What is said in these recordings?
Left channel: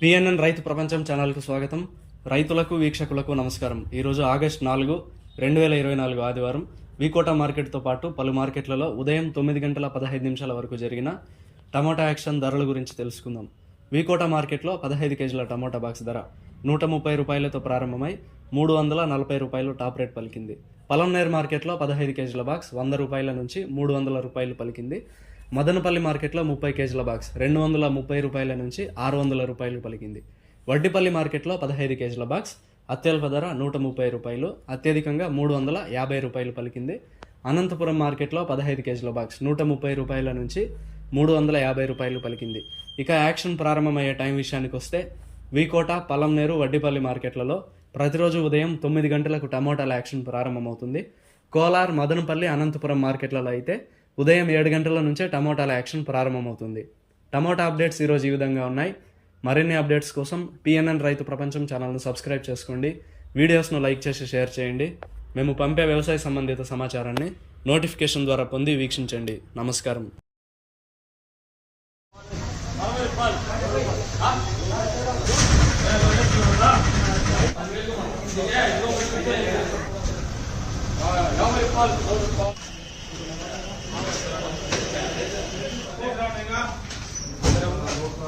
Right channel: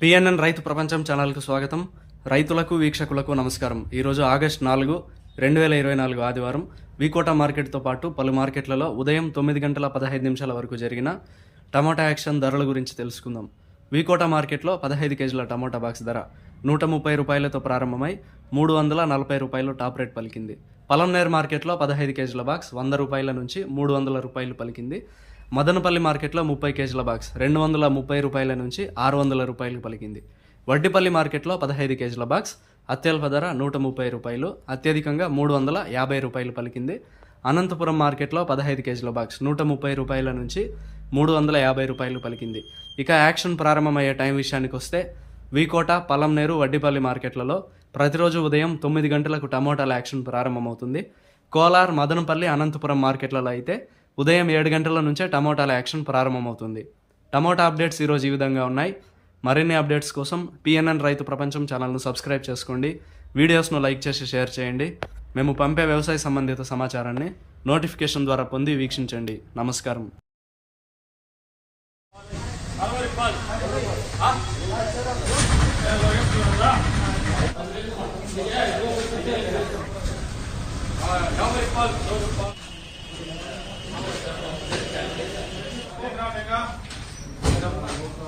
PNN రైతు ప్రపంచం ఛానల్కు స్వాగతం. రైతులకు వీక్షకులకు నమస్కారం. ఈరోజు ఆగస్ట్ నాలుగు రెండు వేల ఇరవై నాలుగు ఆదివారం వికోట మార్కెట్తో పాటు పలు మార్కెట్లలో ఉదయం తొమ్మిది గంటల పదహైదు నిమిషాల వరకు జరిగిన టమాటా యాక్షన్ ధరల గురించి తెలుసుకుందాం. వికోట మార్కెట్లో పదహైదు కేజీల టమాటా బాక్స్ ధర నూట ముప్పై రూపాయలతో ప్రారంభమై మూడు వందల నలభై రూపాయలు టాప్ రేట్ పలికింది. పలంనేర్ మార్కెట్లో పదహైదు కేజీల బాక్స్ వంద రూపాయల నుంచి మూడు వందల రూపాయలు పలికింది. మదనపల్లి మార్కెట్లో ముప్పై కేజీల బాక్స్ రెండు వందల ముప్పై రూపాయల నుంచి ఆరు వందల రూపాయలు పలికింది. వడ్డిపల్లి మార్కెట్లో పదహైదు కేజీల బాక్స్ అత్యల్ప ధర నూట ముప్పై రూపాయలు అత్యధికంగా మూడు వందల యాభై రూపాయలు పలికింది. అనంతపురం మార్కెట్లో పదహైదు కేజీల బాక్స్ నూట ముప్పై రూపాయల నుంచి మూడు వందల యాభై రూపాయలు పలికింది. ఇక యాక్షన్ ప్రారంభమయ్యే టైం విషయానికి వస్తే వీకోట పలంనేరు వడ్డిపల్లి మార్కెట్లలో ప్రతిరోజు ఉదయం తొమ్మిది గంటలకు టమోటాల యాక్షన్ ప్రారంభమవుతుంది. కోలార్ మదనపల్లి అనంతపురం మార్కెట్లలో అయితే ఉదయం ఏడు గంటల నుంచే టమోటాల యాక్షన్ ప్రారంభమవుతుంది. టమోటా అప్డేట్స్ ఈరోజు ఈ విధంగా ఉన్నాయి. మరిన్ని అప్డేట్స్ కోసం పిఎన్ఎన్ రైతు ప్రపంచం ఛానల్ను సబ్స్క్రైబ్ చేసుకోండి. వీడియోస్ను లైక్ చేసి షేర్ చేయండి. మేము పంపే వ్యవసాయ సంబంధిత సమాచారాన్ని నోటిఫికేషన్ ద్వారా పొంది వీక్షించండి. నమస్కారం.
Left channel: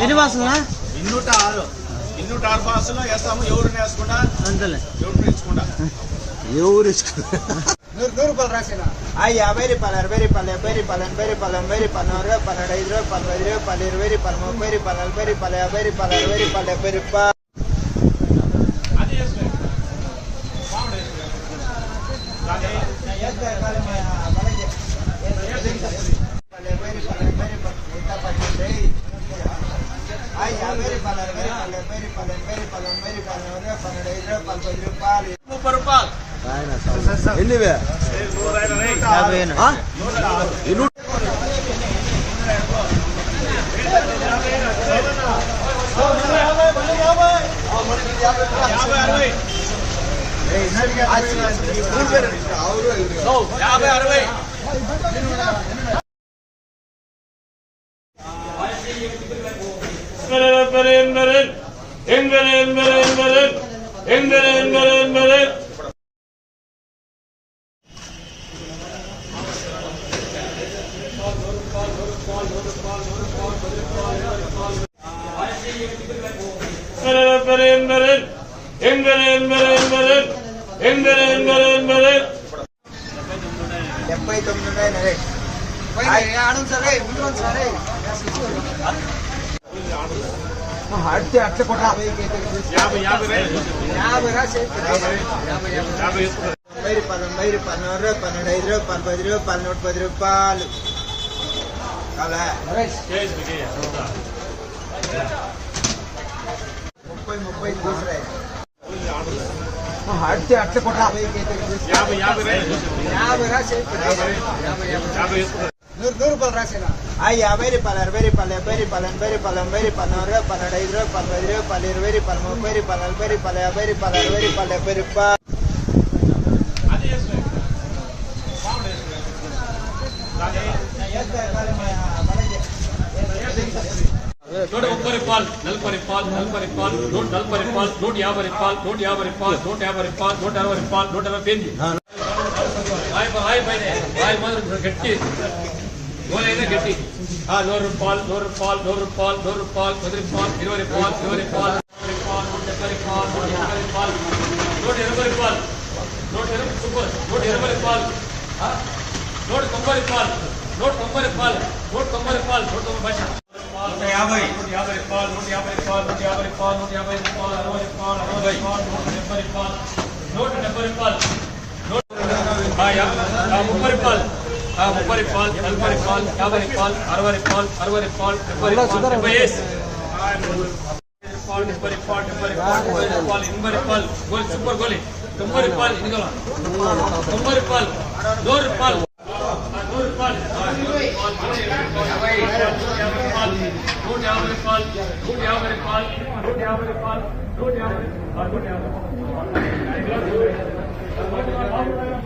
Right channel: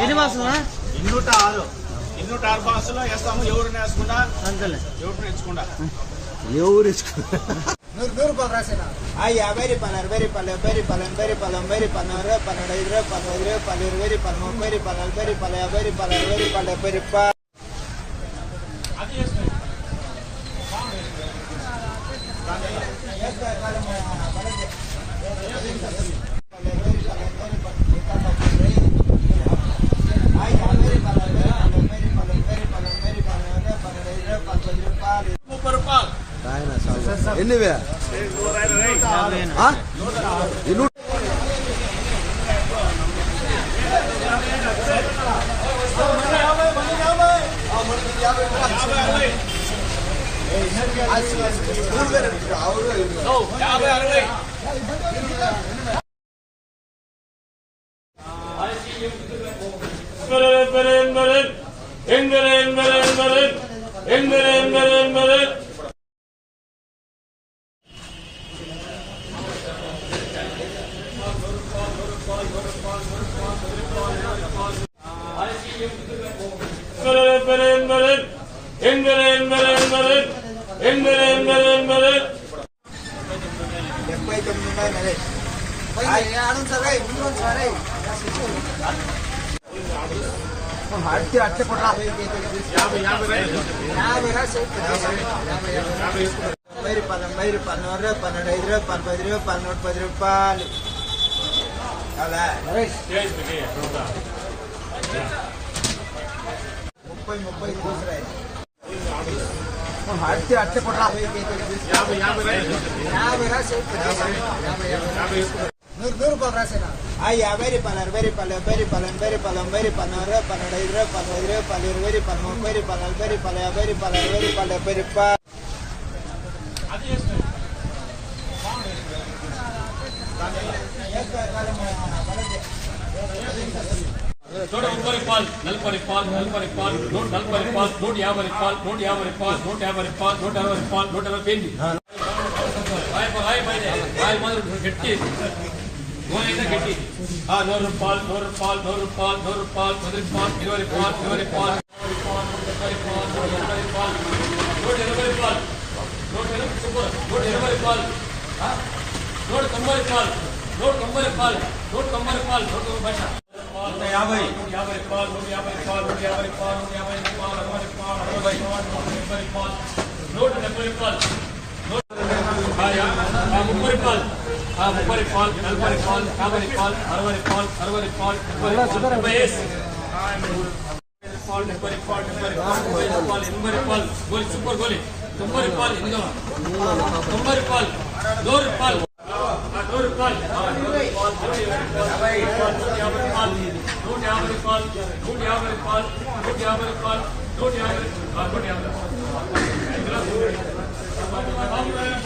ఎన్ని బాసులా ఇన్నూట ఆరు ఇన్నూట ఆరు బాసులో వేస్తాము. ఎవరిని వేసుకుండా అంతలే. ఎవరిని ఇచ్చుకుండా ఎవరు ఆ యాభై రూపాయలు అరవై రూపాయలు డెబ్బై రూపాయలు ఎనభై రూపాయలు ఎనభై రూపాయలు నూరు పన్నెండు ఐదు రూపాయలు పదహైదు రూపాయలు ఇరవై రూపాయలు ముప్పై రూపాయలు నలభై రూపాయలు యాభై రూపాయలు అరవై రూపాయలు డెబ్బై రూపాయలు. డెబ్బై Inverin, inverin, inverin, inverin. రూపాయలు ముప్పై రూపాయలు ఎన్నివే ఆ? ఎన్ని యాభై అరవై యాభై అరవై డెబ్బై తొమ్మిది ఉన్నాయి నరే ఆడండి సరే ముందు సరే అడితే అట్లా రాసి తొంభై రూపాయలు తొంభై రూపాయలు నూరు రూపాయలు పన్నెండు ఐదు రూపాయలు పది రూపాయలు నూట పది రూపాయలు. అలా ముప్పై ముప్పై చూసరా అడితే అట్లా కొట్రా. యాభై యాభై యాభై రాసి ನೂರು ರೂಪಾಯಿ ರಾಸೇನಾ ಅಯ್ಯ ಬೇರೆ ಪಾಲರ್ ಬೇರೆ ಪಾಲೆ ಬೇರೆ ಪಾಲನ್ ಬೇರೆ ಪಾಲನ್ ಬೇರೆ ಪಾಲವ್ರ ಪನ್ನಡ ಇದ್ರೆ ಪಾಲ ಇದ್ರೆ ಪಾಲ ಇರುವೇರಿ ಪಾಲ ಬೇರೆ ಪಾಲ ಬೇರೆ ಪಾಲ ಬೇರೆ ಪಾಲ ಬೇರೆ ಪಾಲ ಬೇರೆ ಪಾ నూట ముప్పై రూపాయలు నలభై రూపాయలు నలభై రూపాయలు నూట నలభై రూపాయలు నూట యాభై రూపాయలు నూట యాభై రూపాయలు నూట యాభై రూపాయలు నూట అరవై రూపాయలు నూట అరవై పేజీ గట్టి గోల్ అయితే గట్టి ఆ, నూరు రూపాయలు నూరు రూపాయలు నూరు రూపాయలు నూరు రూపాయలు పది రూపాయలు ఇరవై రూపాయలు ఇరవై రూపాయలు ఇరవై రూపాయలు నూట డెబ్బై రూపాయలు నూట ఎనభై రూపాయలు నూట ఎనభై రూపాయలు నూట ఎనభై సూపర్ నూట ఎనభై రూపాయలు ఆ, నూట తొంభై రూపాయలు నూట తొంభై రూపాయలు నూట తొంభై రూపాయలు నూట తొంభై భాష నూట యాభై నూట యాభై రూపాయలు నూట యాభై రూపాయలు నూట యాభై రూపాయలు నూట యాభై రూపాయలు అరవై రూపాయలు అరవై రూపాయలు నూట డెబ్బై రూపాయలు నూట డెబ్బై రూపాయలు నూట ఆ, యా- ఆ, ముప్పై రూపాయలు ఆ, ముప్పై రూపాయలు నలభై రూపాయలు యాభై రూపాయలు అరవై రూపాయలు అరవై రూపాయలు డెబ్బై రూపాయలు డెబ్బై వేసి రూపాయలు డెబ్బై రూపాయలు డెబ్బై రూపాయలు డెబ్బై రూపాయలు ఎనభై రూపాయలు గోలి సూపర్ గోలి తొంభై రూపాయలు ఇందులో తొంభై రూపాయలు నూరు రూపాయలు ఆ, నూరు రూపాయలు ఆ, నూరు రూపాయలు నూట యాభై రూపాయలు నూట యాభై రూపాయలు నూట యాభై రూపాయలు నూట యాభై రూపాయలు నూట యాభై రూపాయలు నూట యాభై ఆ, నూట యాభై